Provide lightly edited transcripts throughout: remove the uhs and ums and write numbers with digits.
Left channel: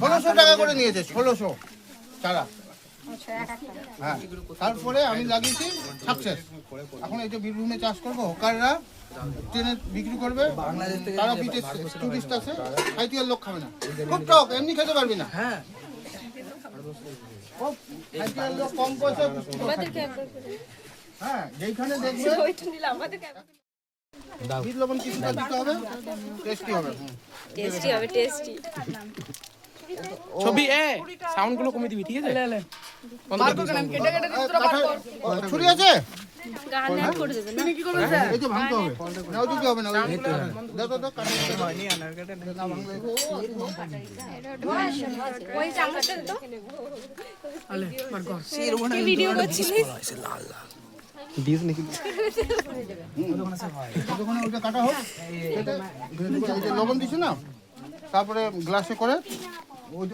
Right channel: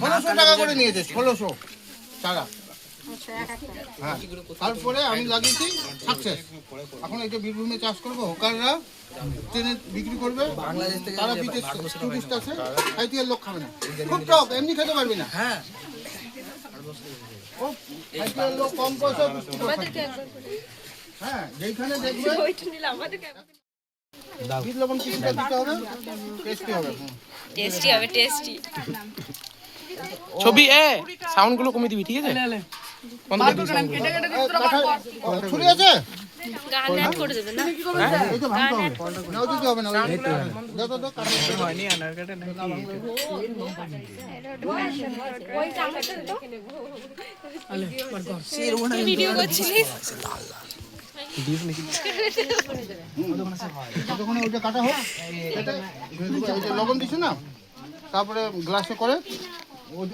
1600 টাকা করে নিয়েছে, 1600 টাকা। হ্যাঁ, তারপরে আমি লাগিয়েছি সাকসেস। এখন এই যে বীরভূমে চাষ করবো, হোকাররা ট্রেনে বিক্রি করবে, তারা বিদেশ টুরিস্ট আছে, আইটিএল লোক খাবে না, খুব টক, এমনি খেতে পারবি না। হ্যাঁ, আইটিএল লোক কম পয়সা বিক্রি করে খাচ্ছে। হ্যাঁ, যেখানে দেখবে বিট লবণ কিছুটা দিতে হবে, টেস্টি হবে। টেস্টি হবে, টেস্টি। ছবি সাউন্ড গুলো কমিয়ে দিবি, ঠিক আছে? ছুরি আছে? গান অ্যাড করে দেবে না? এই যে ভাঙতে হবে, নাও দিতে হবে না, দাও দাও দাও, কাটো। ওই চামচটা দাও। ভিডিও করছিস? ততক্ষণে ওইটা কাটা হোক, কেটে এই যে লবণ দিছি না, তারপরে গ্লাসে করে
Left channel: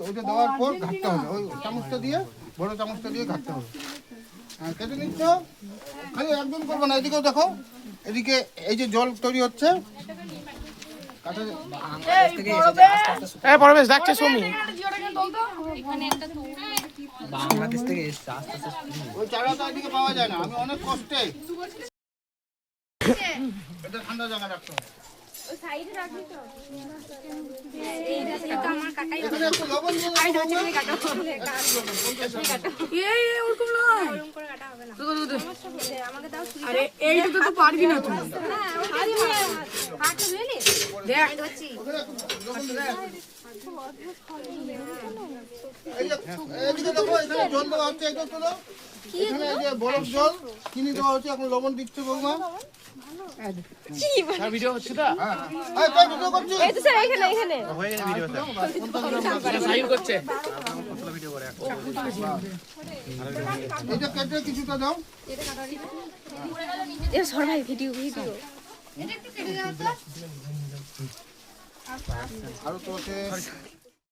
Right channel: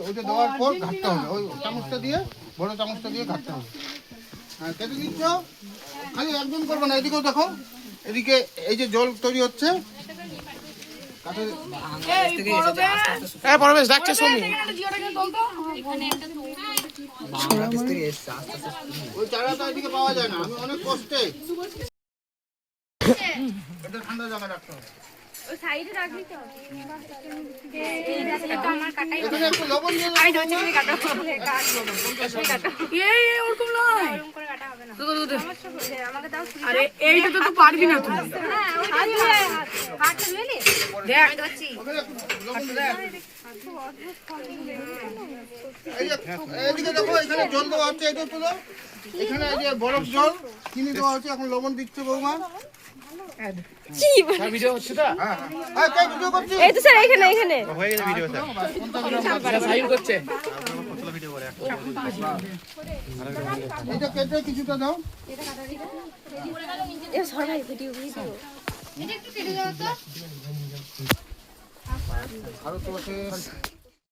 ওইটা দেওয়ার পর ঘাটতে হবে, ওই চামচটা দিয়ে, বড় চামচটা দিয়ে ঘাটতে হবে। কেটে নিচ্ছ, খালি একদম করবো না, এদিকেও দেখো, এদিকে এই যে জল তৈরি হচ্ছে, পরবেশ ডাকছে শুনি। ওই চারাটা এদিকে পাওয়া যায় না, আমি অনেক কষ্টে, এটা ঠান্ডা জায়গা রাখতে হবে। এখানে একটু লবণ দিয়ে আরে এইটা তো পারবি না তুই। এইদিকে দেখো, এখানে জল দেওয়া হচ্ছে, এটা তুলো, এখানে এই যে বরফ জল চিনি দেওয়া হচ্ছে, এখন লবণ দিচ্ছে বৌমা। ভিডিও হচ্ছে তো? ভিডিও করছি, এই তো স্যার, এখানে এখানে। সাইন করছে। এটা কেটে কিছুটা দাও। এ সবাই ভিডিও ভিডিও। আরো তো আছে।